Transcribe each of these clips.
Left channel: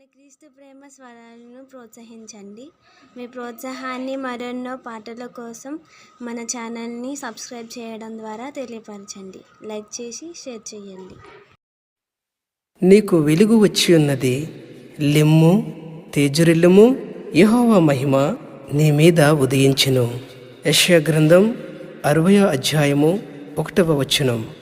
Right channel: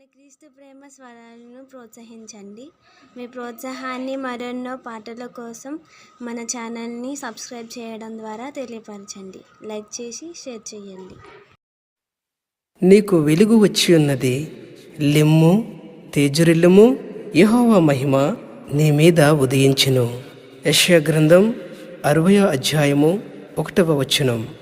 మన క్రీస్తు ప్రేమ స్వరాలను ప్రోత్సహించండి. మీ ప్రోత్సాహాన్ని మరెన్నో పాటల కోసం మన ఛానల్ని సబ్స్క్రైబ్ చేయడం ద్వారా తెలియపరచండి. లైక్ చేసి షేర్ చేయండి. నీకు వెలుగు వచ్చి ఉన్నది లిమ్ము తేజురిల్లుము యహోవ మహిమ నీ మీద ఉదయించును. యశ్వ గ్రంథం అరవయో అధ్యాయము ఒకటవ వచనం.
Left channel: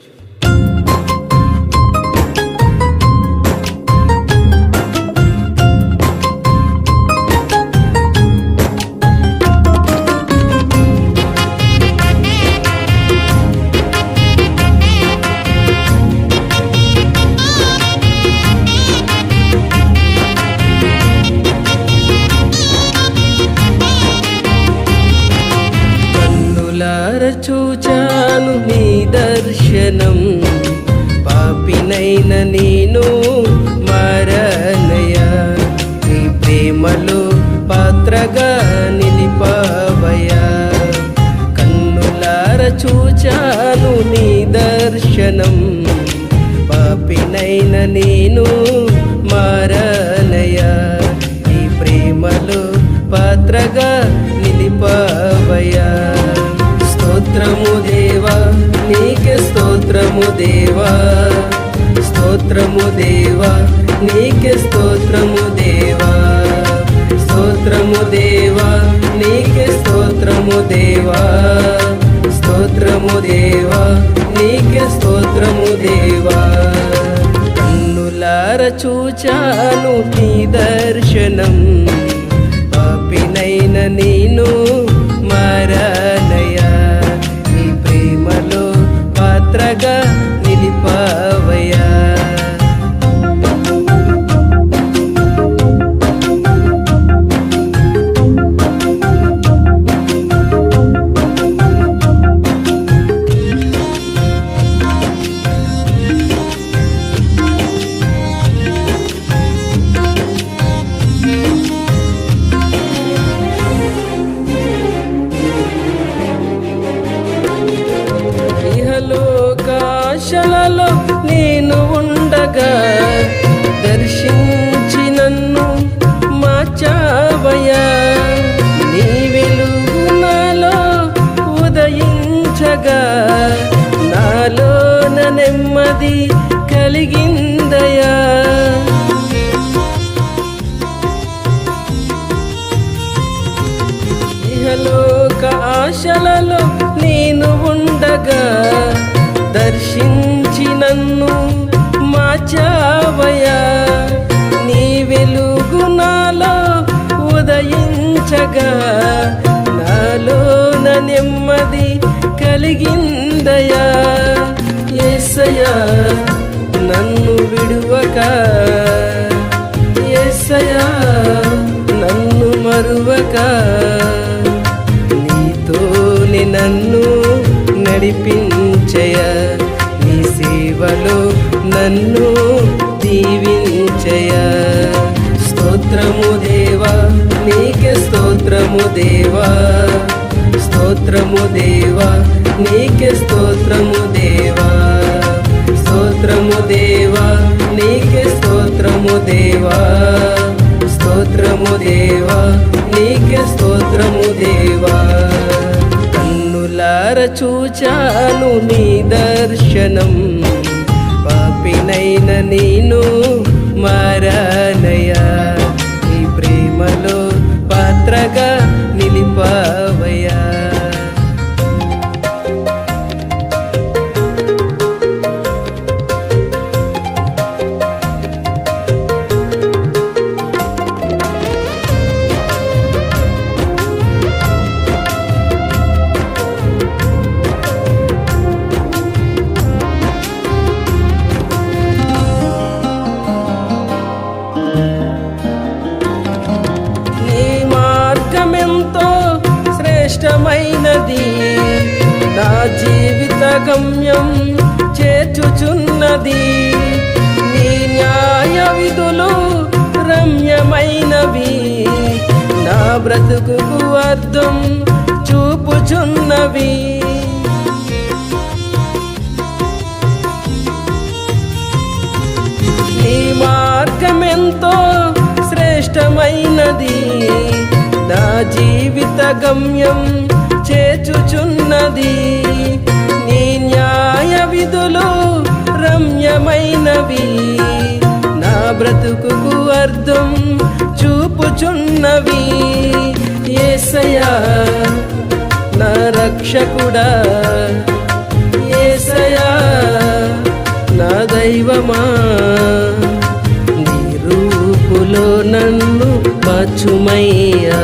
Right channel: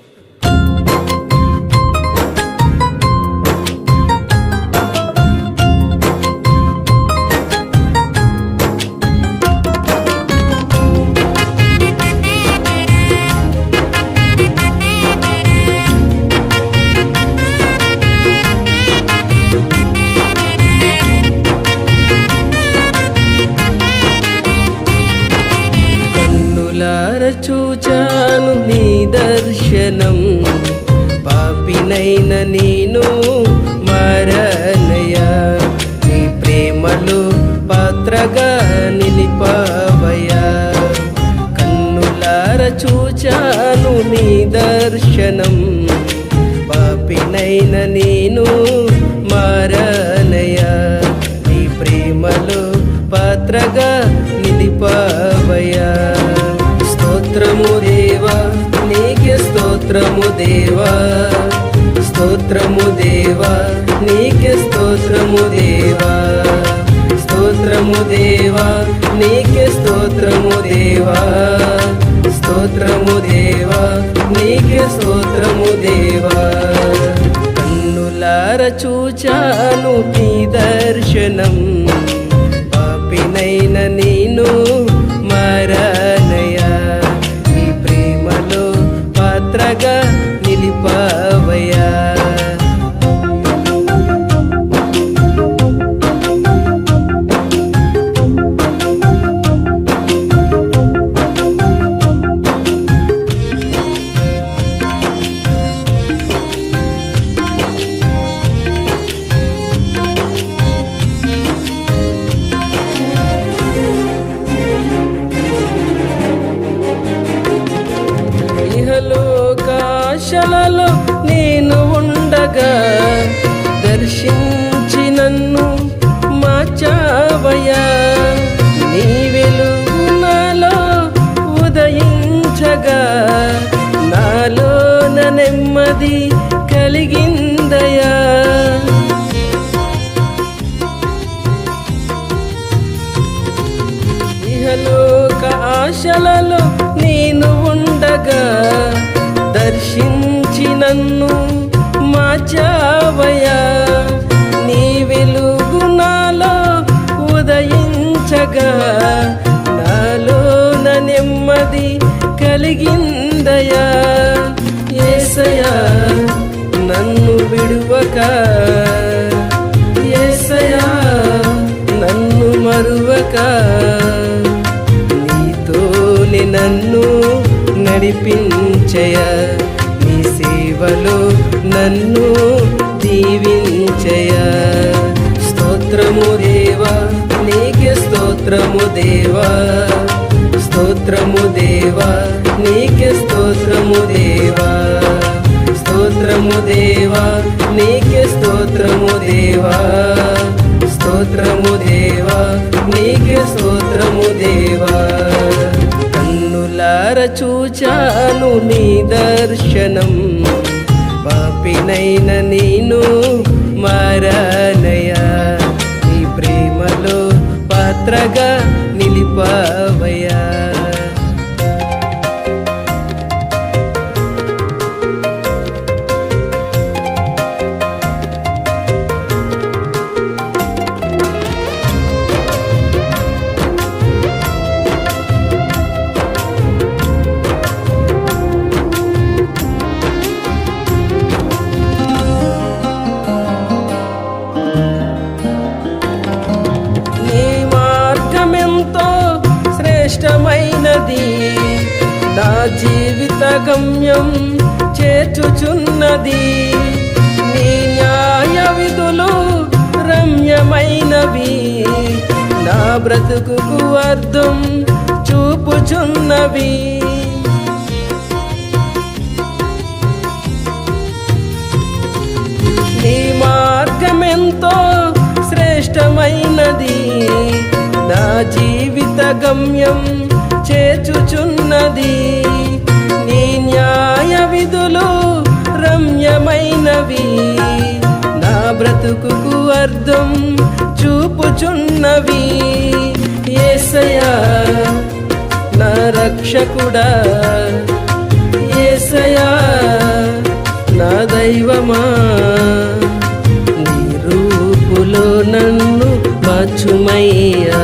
కన్నులార చూచాను నీ దర్శనం. పాపినైన నేను మరణయ నీ ప్రేమలో పాత్రగా నిలిపావయా కన్నులార చూచాను నీ దర్శనం. పాపినైన నేను మారనయ నీ ప్రేమలో పాత్రగా నిలిపావయా స్తోత్రము దేవా నీకే స్తోత్రము దేవా. స్తోత్రము దేవా నీకే స్తోత్రము దేవా. స్తోత్రము దేవా నీకే స్తోత్రము దేవా. స్తోత్రము దేవా నీకే స్తోత్రము దేవా. కన్నులార చూచాను నీ దర్శనం. పాపినైన నేను మారానయా పాత్రగా నిలిపావయా ఇహలోకాశలలో నేను ఉండగా దర్శించి నన్ను మార్చావయా నీ వెలుగు నాలో ఉదయించగా నాలోన నెమ్మది కలిగిందయా ఇహలోక ఆశలలో నేను ఉండగా దర్శించి నన్ను మాచావయా నీ వెలుగు నాలో ఉదయించగా నాలోన నెమ్మది కలిగిందయా ఏసయా నన్ను విడువక. ఏసయా నన్ను మరువక. నీతోనే నన్ను నడిపించయ. నీ సేవలో నన్ను దీవించయ. స్తోత్రము దేవా నీకే స్తోత్రము దేవా. స్తోత్రము దేవా నీకే స్తోత్రము దేవా. స్తోత్రము దేవా నీకే స్తోత్రము దేవా. స్తోత్రము దేవా నీకే స్తోత్రము దేవా. కన్నులార చూచాను నీ దర్శనం. పాపినైన నేను మారానయా నీ ప్రేమలో పాత్రగా నిలిపావయా శ్రేష్టమైనది. నా జీవిత గమ్యం చేర్చుచున్నది. నీ న్యాయ విధులు రమ్యమైనవి. నా బ్రతుకు అర్థం చూపుచున్నవి. నీ మార్గమెంతో శ్రేష్టమైనది. నా జీవిత గమ్యం చేచుచున్నది. నీ న్యాయ విధులు రమ్యమైనవి. నా బ్రతుకుకు అర్థం చూపుచున్నవి. ఏసయా నా రక్షకుడా. ఏసయా నా దైవమా. రాజ్యములో నన్ను మార్చుమయ్యా.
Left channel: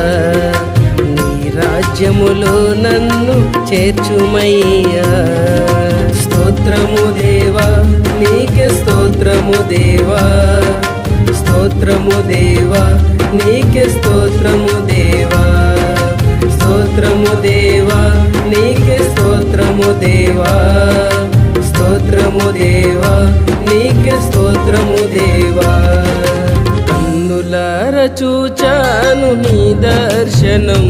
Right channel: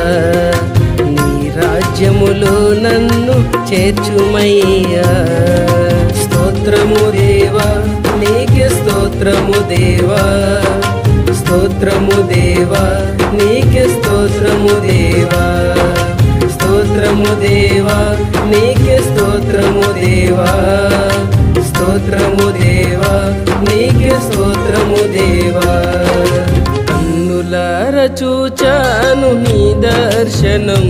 నీ రాజ్యములో నన్ను చేర్చుమయ్యా. స్తోత్రము దేవా నీకే స్తోత్రము దేవా. స్తోత్రము దేవా నీకే స్తోత్రము దేవా. స్తోత్రము దేవా నీకే స్తోత్రము దేవా. స్తోత్రము దేవా నీకే స్తోత్రము దేవా. కన్నులార చూచాను నీ దర్శనం.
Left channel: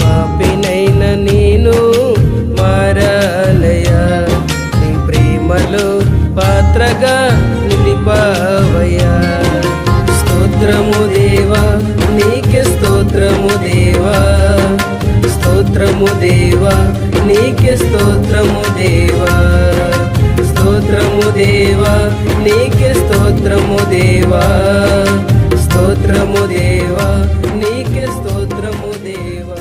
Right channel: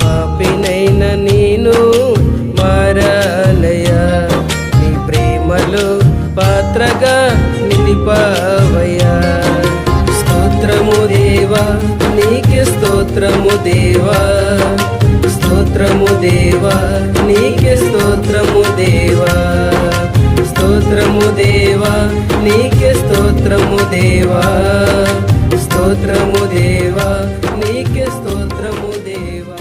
పాపినైన నేను మారాలయా నీ ప్రేమలో పాత్రగా నిలిపావయా స్తోత్రము దేవా నీకే స్తోత్రము దేవా. స్తోత్రము దేవా నీకే స్తోత్రము దేవా. స్తోత్రము దేవా నీకే స్తోత్రము దేవా. స్తోత్రము దేవా నీకే స్తోత్రము దేవా.